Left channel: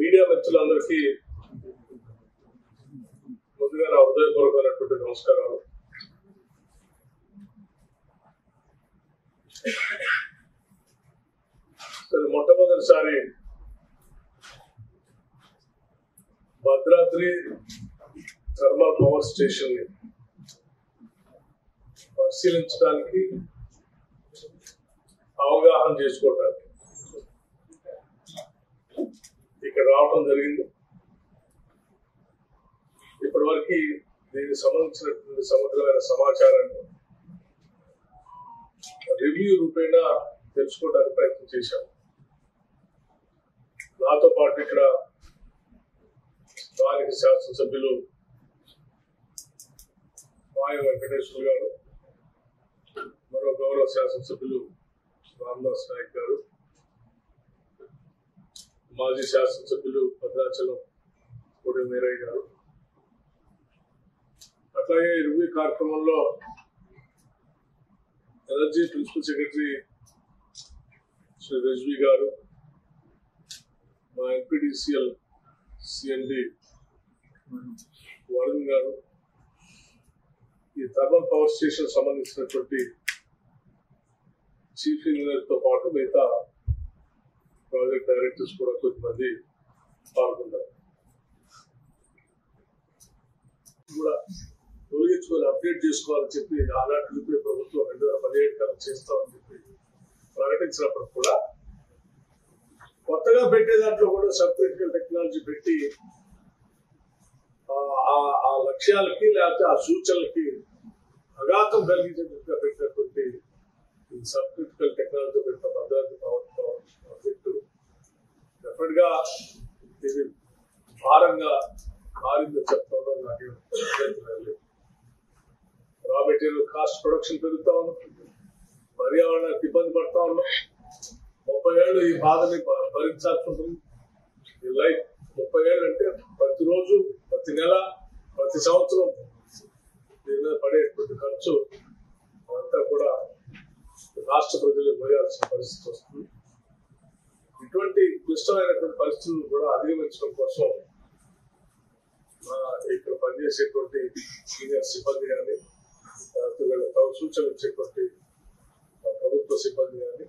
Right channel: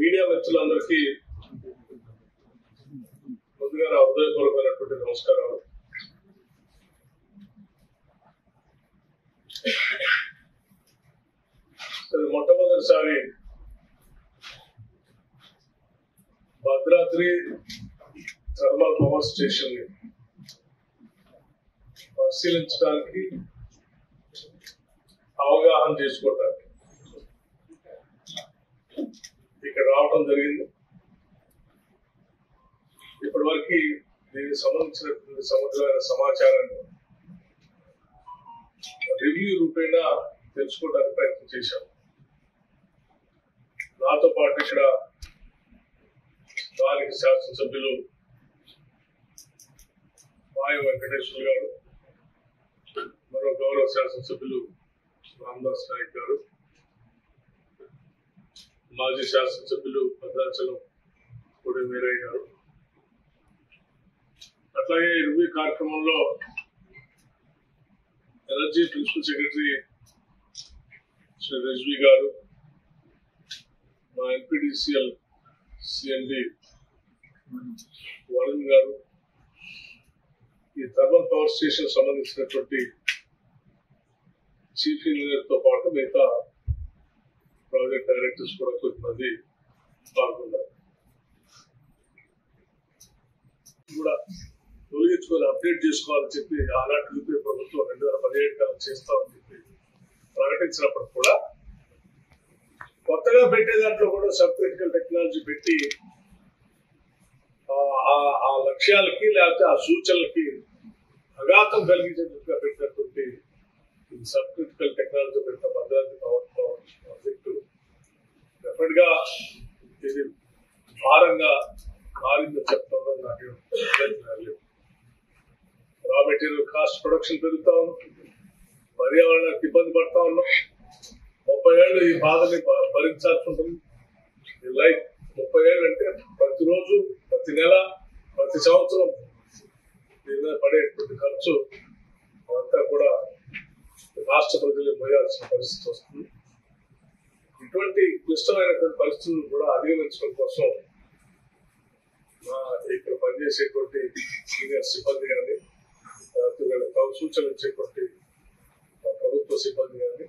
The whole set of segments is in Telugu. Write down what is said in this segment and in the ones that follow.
మీడియా మిత్రులందరికీ ముందుగా నా హృదయపూర్వకమైనటువంటి నమస్కారాలు. మొట్టమొదటిసారి భద్రాద్రి థర్మల్ పవర్ స్టేషన్ ని పరిశీలించడానికి, అవగాహన చేసుకోవడానికి ఇక్కడ రావడం జరిగింది. ఇప్పటి వరకు దీనికి సంబంధించినటువంటి సమగ్రమైన సమాచారాన్ని రివ్యూ రూపేణా తెలుసుకోవడానికి ప్రయత్నం చేశాం. నాతో పాటు ఇక్కడ స్థానిక శాసనసభ్యులు మాయ వెంకటేశ్వర గారు, మరో గౌరవ శాసనసభ్యులు రామదాస్ నాయక్ గారు, మాజీ శాసనసభ్యులు భద్రాచలం కోడి వీరయ్య గారు, అట్లాగే ఈ రివ్యూ కార్యక్రమంలో energy principal secretary Shri Rizvi గారు, మా ఎన్పిడిసిఎల్ సిఎండి వరుణ్ గారు, ఈ థర్మల్ పవర్ స్టేషన్ సంబంధించినటువంటి చీఫ్ ఇంజనీర్ తో పాటు మిగతా ప్రాజెక్ట్ డైరెక్టర్స్ కూడా కొంతమంది పాల్గొన్నారు. కూడా తొలగించుకొని అప్డేట్ చేసుకోవాలని చెప్పి ఆనాటి యూపీఏ ప్రభుత్వం 2017 కల్లా చేస్తామని చెప్పి ప్రకటించినప్పుడు కూడా కొత్తగా పెట్టే దాంట్లో కూడా సబ్ క్రిటికల్ టెక్నాలజీ పెట్టి ఆ లక్ష్యాలకి లేకపోతే ఆ సూచనలకి అఘాతం కలిగించేందుకుగా పెట్టినటువంటి సబ్ క్రిటికల్ టెక్నాలజీ పెట్టిన భద్రాద్రి పవర్ ప్రాజెక్టు డెఫినెట్ గా ఇది భారంగా మారిందని చెప్పడంలో నాకు లేదు. రా మెటీరియల్ కాస్ట్ ప్రొడక్షన్ పెరుగుతా ఉన్నాం, పర్యావరణానికి ఇబ్బంది పడతా ఉన్నాం. 30 ఏళ్ళు ఈ బాధని భరించాల్సి ఉంటుంది. ఈ లైఫ్ 30 ఏళ్ళు అంటే ప్రతిరోజు, ప్రతి నెల, ప్రతి సంవత్సరం దీని మీద పడేటువంటి ఖర్చు అదంతా కూడా రాష్ట్ర ప్రజలు మోయాల్సిన పరిస్థితి వస్తుంది. ఇటువంటి క్లిష్టమైనటువంటి పరిస్థితులను కూడా అధిగమించడం కోసం ఇక్కడ పనిచేసేటువంటి సీనియర్ సిబ్బంది కానీ, సూచనలు ఇచ్చేటువంటి ప్రభుత్వ సిబ్బంది కానీ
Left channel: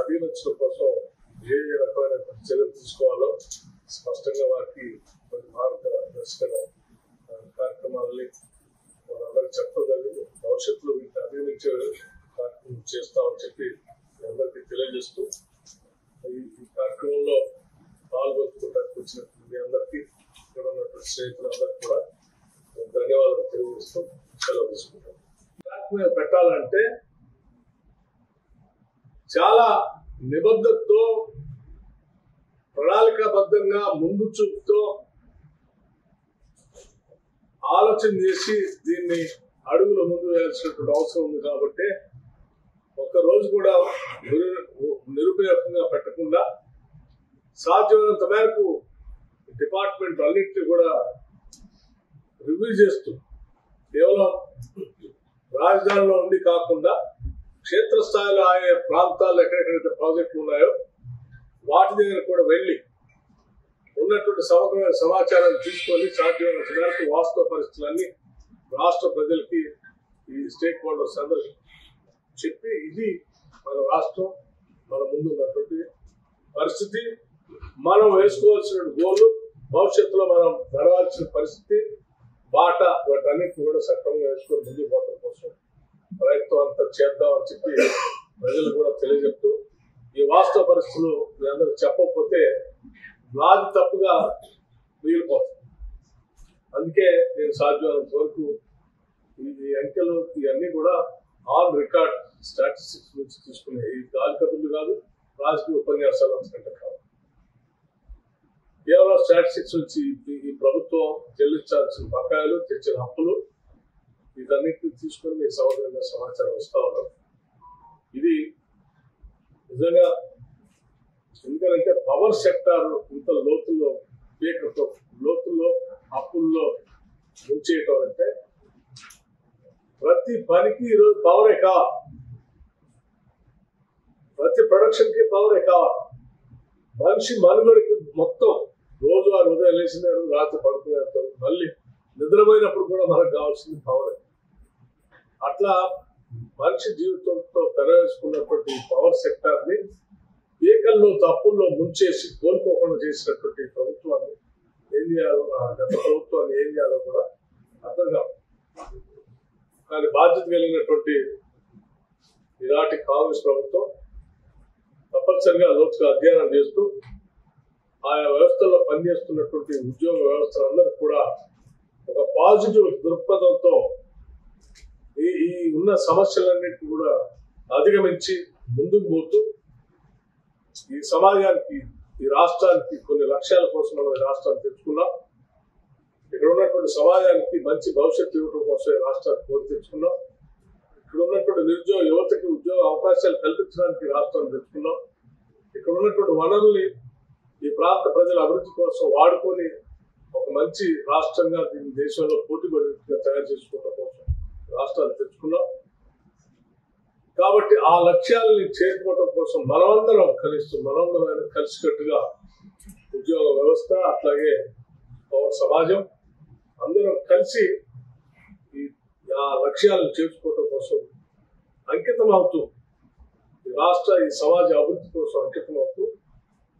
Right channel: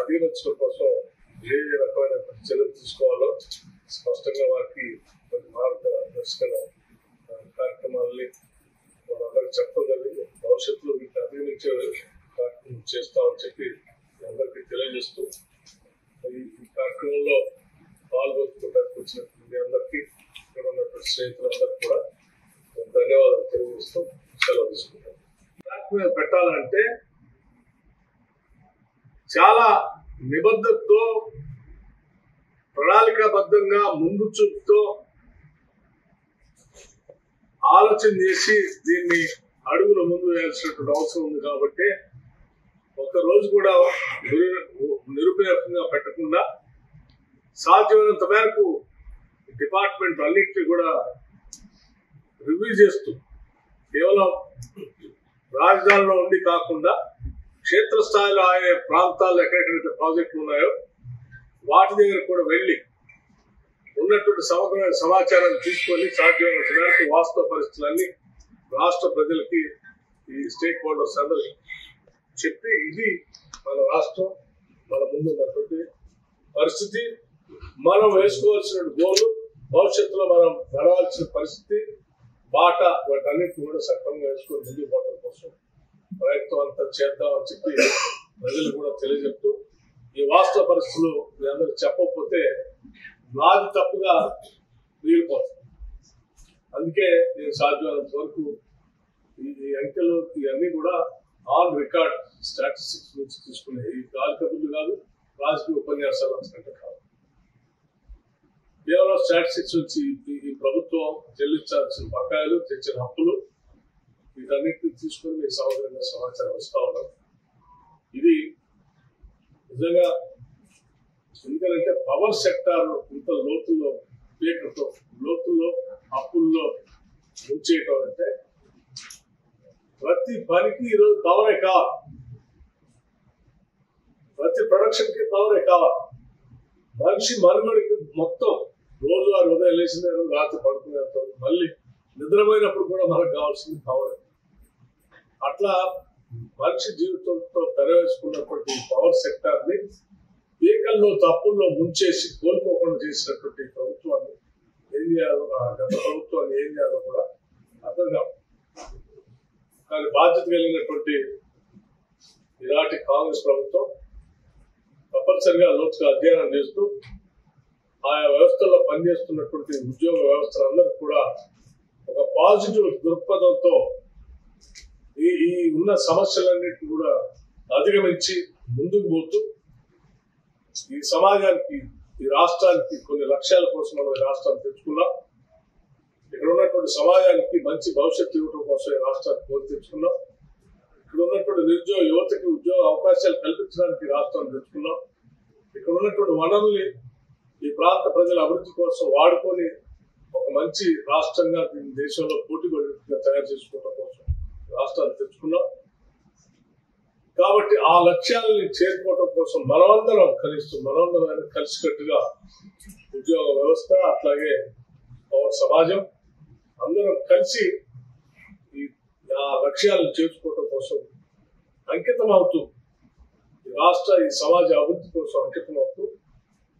అధిగమించడం కోసం ఏ రకమైన చర్యలు తీసుకోవాలో స్పష్టంగా వారికి మార్గదర్శక కార్యక్రమాలని వాళ్ళందరికీ చెప్పగలిగి భవిష్యత్తులో వీటిని అధిగమించే కార్యక్రమం చేస్తామని చెప్పి అందరికీ తెలియజేస్తూ ఈ కార్యక్రమంలో పాల్గొనడానికి వచ్చినటువంటి మీ అందరికీ, ఇక్కడ ఉన్నటువంటి స్నేహితులందరికీ కూడా ధన్యవాదాలు తెలియజేస్తూ సెలవు తీసుకుంటాం. పెట్టాలంటే చాలా నిబద్ధతతో, ప్రణాళికాబద్ధంగా, ముందు చూపుతో ఆలోచన చేసి దీన్ని అడుగులు ముందు వేయాల్సినటువంటి అవసరం ఉంది. కాబట్టి ఒక్కరోజు కూడా నిరుపయోగంగా పెట్టకుండా సాధ్యమైనంత మేరకు డిపార్ట్మెంట్ అన్నింటినీ కూడా రివ్యూ చేస్తూ కేవలం రాజధానిలో ఉండి కాకుండా క్షేత్రస్థాయిలో ఆయా ప్రాంతాల్లో ఎక్కడెక్కడైతే ప్రాజెక్టులు ఉన్నాయో వాటి దగ్గర కూడా వెళ్ళి ఉన్నటువంటి సమగ్రమైన సమాచారాన్ని తీసుకొని సాధ్యమైనంత మేరకు వాస్తవ పరిస్థితులన్నీ రాష్ట్ర ప్రజలకి ఈ స్టేక్ హోల్డర్స్ అందరూ చెప్పి ఇది మన రాష్ట్రం మన ముందు ఉన్నటువంటి పరిస్థితి, మనం వేసుకోవాల్సిన గోలు, భవిష్యత్తులో మనం నడవాల్సిన పరిస్థితి, బాట, వాటన్నిటిని కూడా సక్రమంగా వేసుకొని ముందుకు పోవడం కోసం ప్రయత్నం అంతా చేద్దామని చెప్పి ప్రజలు కూడా తెలియజెప్తూ, ఈ వాస్తవ పరిస్థితులు మీ అందరూ చెప్పకపోతే నాది తప్పుగా మిగిలిపోతుంది. అందుకే నేను సాధ్యమైనంత వరకు ఈ అంకెలు ఇవన్నీ కూడా ఆన్ రికార్డ్ స్టాటిస్టిక్స్ నుంచి తీసుకునే, ఈ గాలి కబుర్లు కాదు, రాజకీయ ఉపన్యాసాలు అంతకంటే కాదు, కేవలం స్టాటిస్టిక్స్ నుంచి ఈ ప్రభుత్వం చెల్లించాల్సిన బకాయిలు, తెచ్చిన అప్పులు, వీటన్నిటిని తీసుకొని మీకు సమగ్రంగా సమాచారం వస్తూ ఉన్నారు. ఇది నిజంగా ఎందుకంటే పవర్ సెక్టార్ ఇంత లోతుల్లో లోతుల్లో అప్పుల్లో ముంచేయటం అంటే ప్రతి పనికి ఈరోజు పవరే కావాలి, ప్రతి ప్రొడక్షన్ కి పవరే కావాలి. మనిషి మనుగడికి మొత్తం రోజు ఆ ఉదయం లేచిన రాత్రి పడుకునేంత మళ్ళీ నిద్రపోయినప్పుడు కూడా మనకు కావాల్సింది పవరే. అట్లా మనిషి జీవితంతో తెరవేసుకున్నటువంటి పవర్ సెక్టార్ ని ఏకల్లో తప్పుల్లో ముంచేసి కోలుకోకుండా చేసినటువంటి ప్రభుత్వాన్ని ఏం చేయాలో, గత ప్రభుత్వాన్ని ఏం చేయాలో కూడా అర్థం కాదు. కానీ బాధ్యత కలిగినటువంటి ఈనాటి కాంగ్రెస్ ప్రభుత్వం తప్పనిసరిగా లోతుగా అధ్యయనం చేస్తూ ఆయా వ్యవస్థల్లో పనిచేస్తున్నటువంటి ఉద్యోగ వ్యవస్థలందరూ కూడా ఒక పాజిటివ్ దృక్పథంతో ఈ ఉన్న సమస్యలన్నింటినీ కూడా అధిగమించి ముందుకు పోతూ ఈ సమాజానికి, ఈ రాష్ట్రానికి కొన్ని లక్ష్యాల కోసం మనం ఈ రాష్ట్రాన్ని తెచ్చుకున్నాం. ఇక్కడ ఉన్నటువంటి సమాజానికి మంచి భవిష్యత్తు ఇవ్వడం కోసం ఈ రాష్ట్రాన్ని కోరి తెచ్చుకున్నాం. ఇక్కడ ఉన్నటువంటి నిరుద్యోగ యువతకి ఉద్యోగ అవకాశాలు కల్పించడానికి రాష్ట్రాన్ని తెచ్చుకున్నాం. ఇక్కడ ఉన్నటువంటి వనరుల్ని ఈ ప్రాంత ప్రజల అభివృద్ధి కోసం వాడుకొని ఒక మంచి రాష్ట్రంగా దీన్ని దేశంలో పోటీపడిగా తయారు చేసుకోవడం కోసం రాష్ట్రాన్ని తెచ్చుకున్నాం. కాబట్టి ఆ లక్ష్యాలని చేరుకోవడం కోసం మనమందరం కలిసికట్టుగా ఉద్యోగ వ్యవస్థ, అట్లాగే పౌర సమాజం అందరం కలిసి ఆ లక్ష్యాలను చేర్చుకోవడం కోసం అంకితం అవుతూ, ఈ సమాజ అభివృద్ధి కోసం అంకితం అవుతూ,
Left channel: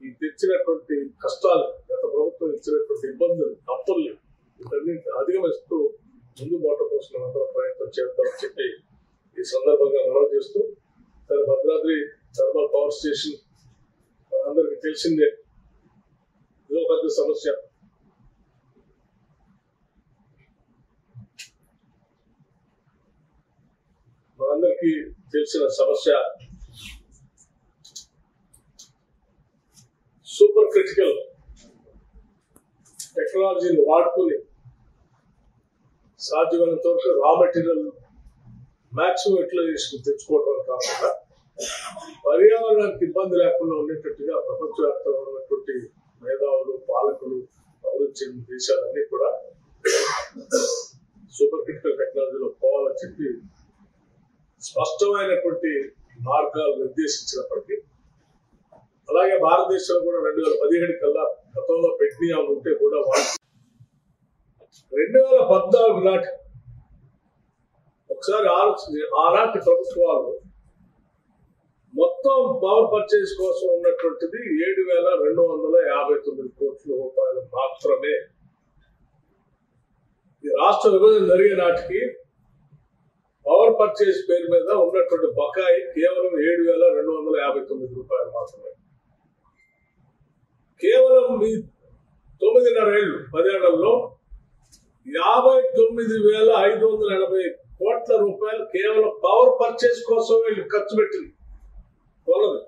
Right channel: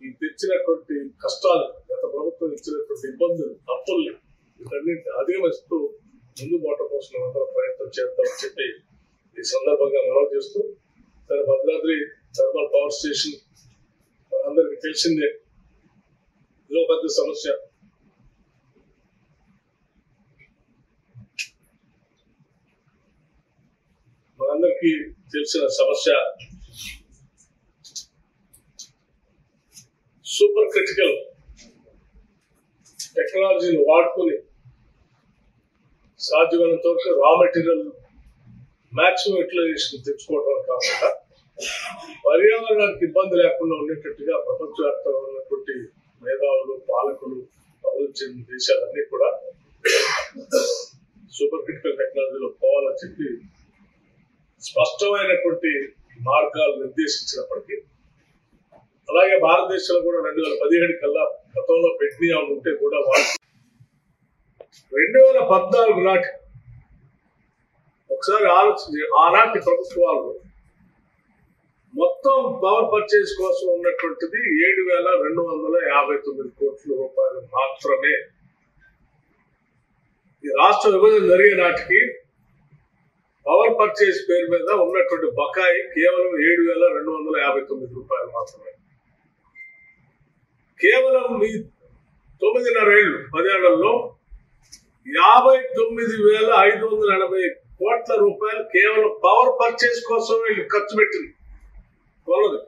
ఈ తెచ్చినటువంటి కష్టాలు, గత ప్రభుత్వం ఇచ్చినటువంటి ఇబ్బందులు, అప్పుల్ని వీటన్నింటిని అధిగమిస్తూ ముందు పోవటం కోసం అందరం ప్రయత్నం చేద్దామని చెప్పి ఈ సందర్భంగా మనవి చేస్తూ, సరే భద్రాద్రి థర్మల్ పవర్ స్టేషన్ అందరికి తెలిసిందే, ఇదో పెద్ద సమస్య. మనందరికీ తెలిసిన సమస్య. సూపర్ క్రిటికల్ టెక్నాలజీని వాడుకుని సాధ్యమైనంత వరకు రా మెటీరియల్ మాక్సిమం యూటిలైజేషన్ తెచ్చుకోవడం కాకుండా పర్యావరణానికి ఇబ్బంది లేకుండా ఉండేటట్టుగా ప్రపంచవ్యాప్తంగా ఉన్నటువంటి మేధావులు, పాలకులు, అభివృద్ధి చెందిన దేశాలన్నీ కూడా సూపర్ క్రిటికల్ టెక్నాలజీలో పోవాలని చెప్పి స్పష్టమైనటువంటి మార్గాలు నిర్దేశించినప్పటికీ, అలాగే భారతదేశంలో కూడా 2017 కల్లా గతంలో పెట్టిన ఉంటే కూడా 2014 నాటి ఒకసారి ఆలోచించి ఆనాటి ప్రభుత్వాలు మొత్తం పవర్ పర్చేజ్ కోసం ఉన్నటువంటిది 7,259 కోట్ల రూపాయలు మాత్రమే. ఈ రాష్ట్ర విభజన జరిగే నాటికి పవర్ పర్చేజ్ పేరు మీద ఉన్నటువంటి బకాయి కేవలం 7,259 రూపాయలు మాత్రమే. కేవలం ఈ 9.5 ఏళ్ళు 10 ఏళ్లలో 59,580 కోట్ల రూపాయలు కేవలం పవర్ పర్చేజ్ కోసం వీళ్ళు ఖర్చు పెట్టింది. కొలదు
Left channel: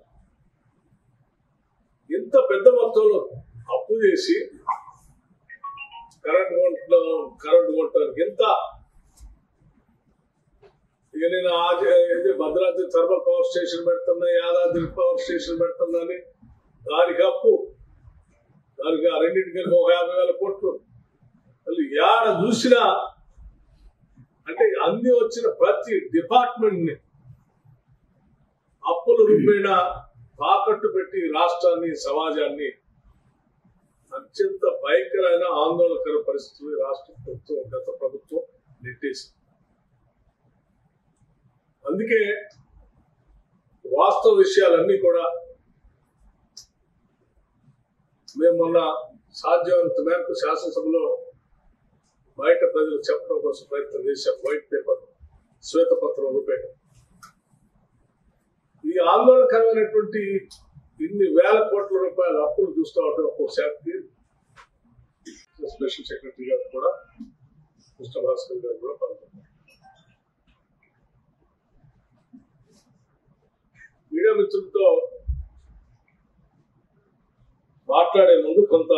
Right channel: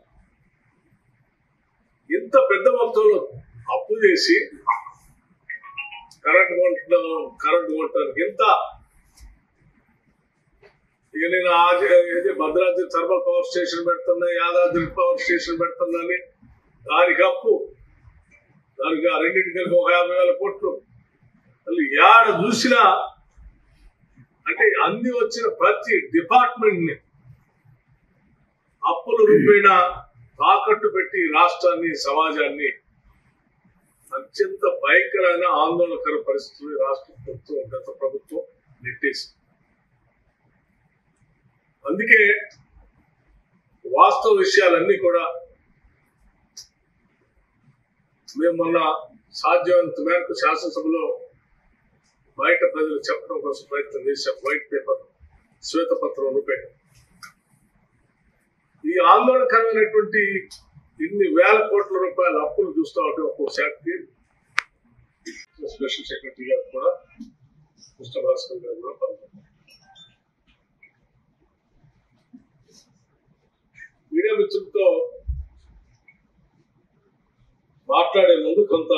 ఇంత పెద్ద మొత్తంలో అప్పు చేసి కరెంట్ కొంటానికి ఇంత. ఇక నేను భద్రాద్రి థర్మల్ పవర్ స్టేషన్ పెడుతున్నా, యాదాద్రి పవర్ స్టేషన్ పెడుతున్నా అని దానికి అప్పు, దానికి ఆ రెండింటికి ఒక 50,000 కోట్లు. అసలు ఏడ చూసినా అంటే అన్ని వచ్చిన ప్రతి డిపార్ట్మెంట్ ని అప్పుల రూపేణ తాకట్టు పెట్టి రాష్ట్రాన్ని, సమాజాన్ని అత్యంత భయంకరమైన ఆందోళనకర పరిస్థితులు రాష్ట్ర ప్రభుత్వం, గత ప్రభుత్వం నెట్టేసి. అందుకే వాస్తవ విషయాలన్నీ కూడా మేము మొన్న సాధ్యమైనంత మేరకు శాసనసభలో బయట ప్రజలకు చెప్పడం కోసం ప్రయత్నం చేశాం. వైట్ పేపర్, శ్వేతపత్రం రూపేణ. ఈ ఆందోళనకరమైనటువంటి ఇన్ని వేల కోట్ల రూపాయల అప్పులు చూస్తూ ఉంటే ఒక్కొక్క శాఖకి స్పెషల్ సెక్రటరీ గారు కూడా కృష్ణ భాస్కర్ గారు కూడా పాల్గొన్నారు. మీడియా మిత్రులతో మాట్లాడే ముందు కొంత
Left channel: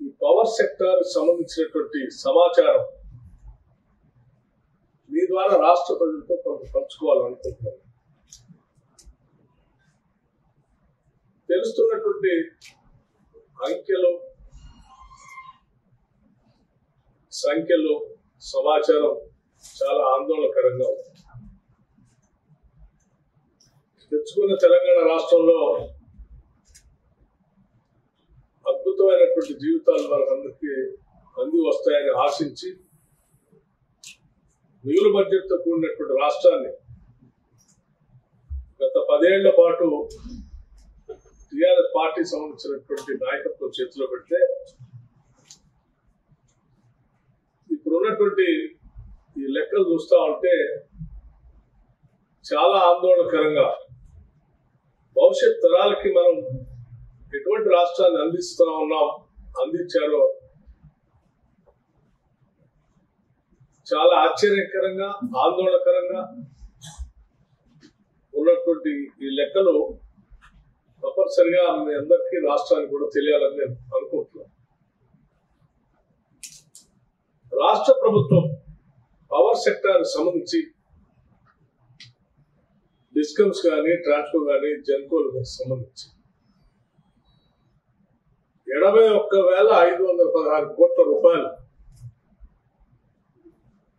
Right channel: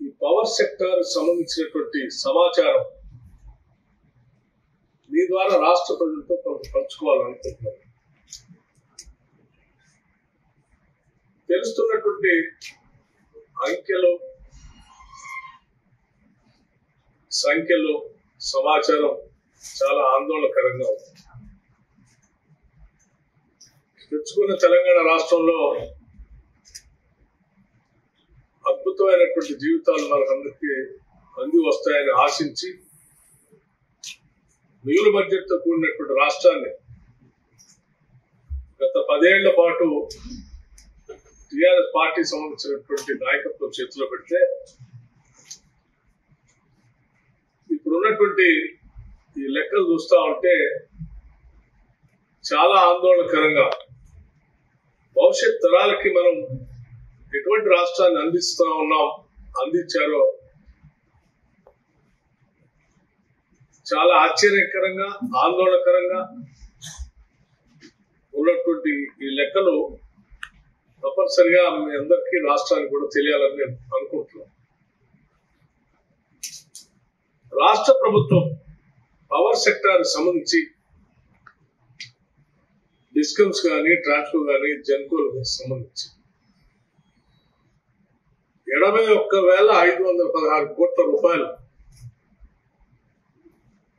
ఈ పవర్ సెక్టార్ సంబంధించినటువంటి సమాచారం మీ ద్వారా రాష్ట్ర ప్రజలతో కొంత పంచుకోవాలనుకుంటున్నాను. తెలుస్తున్నటువంటి అంకెలు, సంఖ్యలు, సమాచారం చాలా ఆందోళనకరంగా ఉంది. తెచ్చుకున్న తెలంగాణ రాష్ట్రంలో అద్భుతమైనటువంటి జీవితాలు మనకందరికీ అంది వస్తాయని ఆశించి మిగులు బడ్జెట్తో కూడినటువంటి రాష్ట్రాన్ని గత 10 ఏళ్ల పాటు టీఆర్ఎస్ పార్టీ సంబంధించినటువంటి నాయకత్వం చేతిలో పెడితే ఇప్పుడున్నటువంటి ఈ లెక్కలు చూస్తా ఉంటే చాలా ఆందోళనకరంగా భవిష్యత్ తరాలకి మనం ఎటువంటి రాష్ట్రాన్ని అందించారో చాలా ఆశ్చర్యకరంగా, ఆందోళనకరంగా ఉన్నటువంటి ఈ లెక్కలు తప్పనిసరిగా మీ అందరికీ రాష్ట్రానికి కూడా తెలియాలని నేను అనుకుంటున్నాను. రాష్ట్ర ప్రభుత్వం పవర్ సెక్టార్ సంబంధించి డిస్కమ్స్ కానీ, ట్రాన్స్కో కానీ, జెన్కోలకు సంబంధించి 81,516 కోట్ల రూపాయలు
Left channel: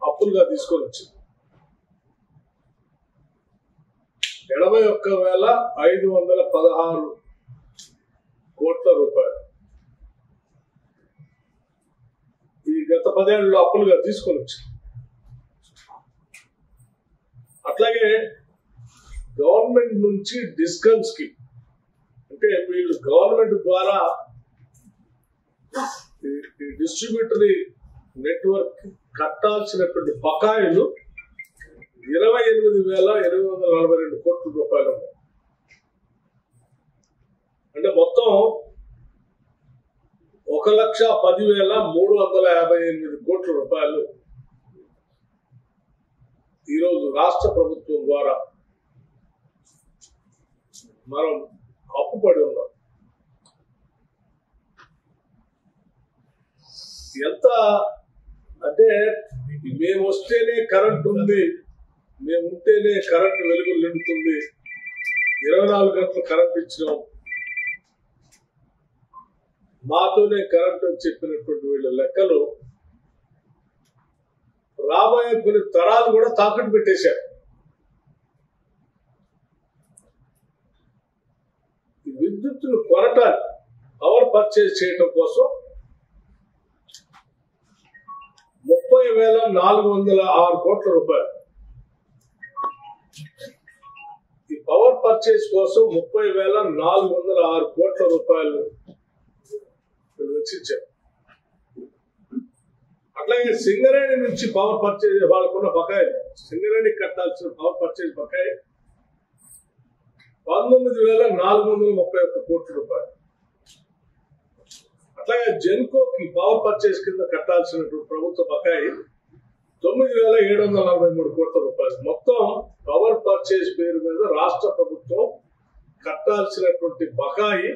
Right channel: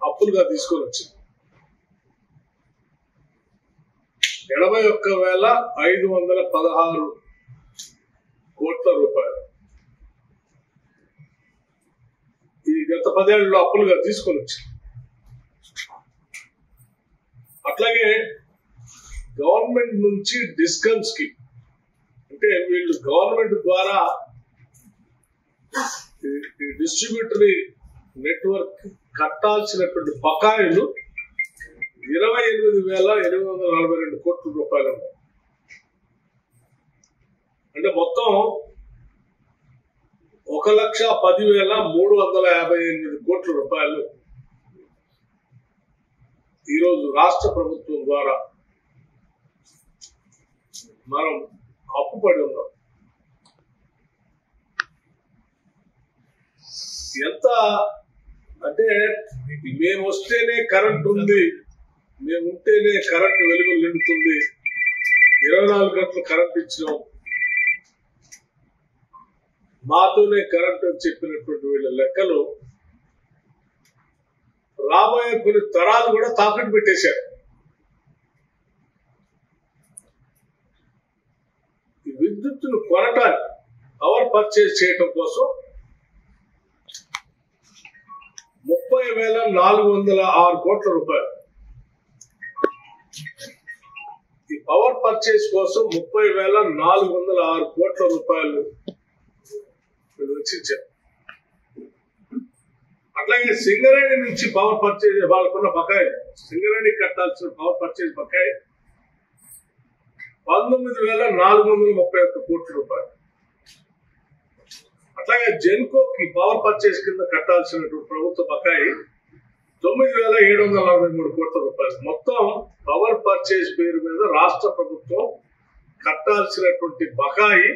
అప్పులుగా తీసుకొని వచ్చింది. 81,516 కోట్ల రూపాయలు ఈ గత 10 ఏళ్లలో అప్పులుగా తీసుకొని వచ్చింది. అట్లాగే గవర్నమెంట్ నుంచి డిస్కమ్స్ కి, అంటే వీళ్ళు గవర్నమెంట్ ద్వారా డిస్ట్రిబ్యూటరీ నెట్వర్క్ కట్టాల్సినటువంటి బకాయిలు 28,842 కోట్ల రూపాయలు ఉన్నాయి. అంటే మొత్తం 1,10,358 కోట్ల రూపాయలు ఈరోజు రాష్ట్ర ప్రభుత్వం ద్వారా మనం అప్పుపడి ఉన్నాం. ఎంత అంటే మేము వస్తేనే కరెంట్ ఉంది, మేము ఉంటేనే కరెంట్ వెలుగులు నిండుతుంది, 24 గంటలు కరెంట్ ఇచ్చినాం, మాతోనే కరెంట్ అని చెప్పినటువంటి వీళ్ళ లెక్కలు రాబోయే కొన్ని తరాలు కూడా తాకట్టు పెట్టేశారు. ఈ విద్యుత్తును కొనటానికి, పవర్ పర్చేజ్ చేయటం కోసం 30,406 కోట్ల రూపాయలు, ఈ పవర్ పర్చేజ్ కోసం 30,406 కోట్ల రూపాయలు వెచ్చించారు. అట్లాగే సింగరేణి నుంచి పవర్ పర్చేజ్ వాళ్ళకున్న బకాయి, సింగరేణి కట్టాల్సిన పవర్ పర్చేజ్ బకాయి 19,431 కోట్ల రూపాయలు. అట్లాగే జెన్కోకి పవర్ పర్చేజ్ కింద కట్టాల్సినటువంటి ప్రభుత్వ బకాయి 9,743 కోట్ల రూపాయలు. మొత్తం పవర్ పర్చేజ్ పేరు మీద రాష్ట్ర ప్రభుత్వం కట్టాల్సినటువంటి బకాయి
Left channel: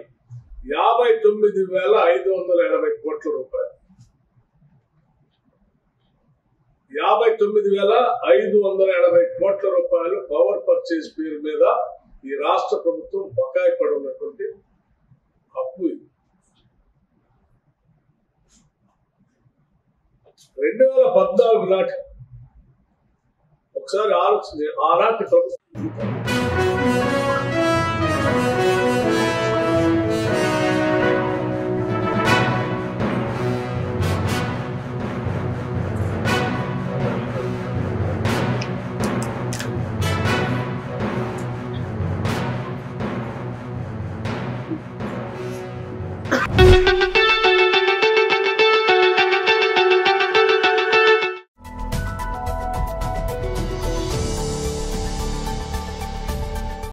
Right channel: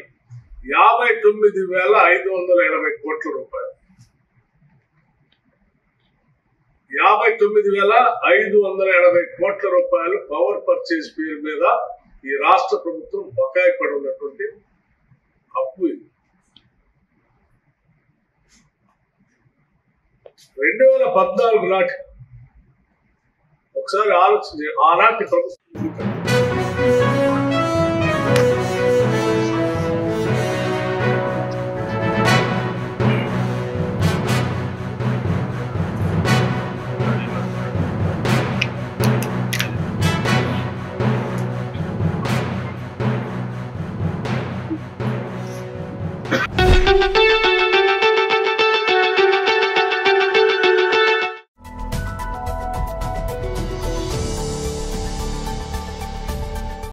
59,580 కోట్ల రూపాయలు. 59,580 కోట్ల రూపాయలు పవర్ పర్చేజ్ పేరు మీద ఈ రాష్ట్ర ప్రభుత్వం బకాయి పడి ఉన్నటువంటి అప్పు ఇది. 2014 నాటి ఒకసారి ఆలోచించి, ఆనాటి ప్రభుత్వం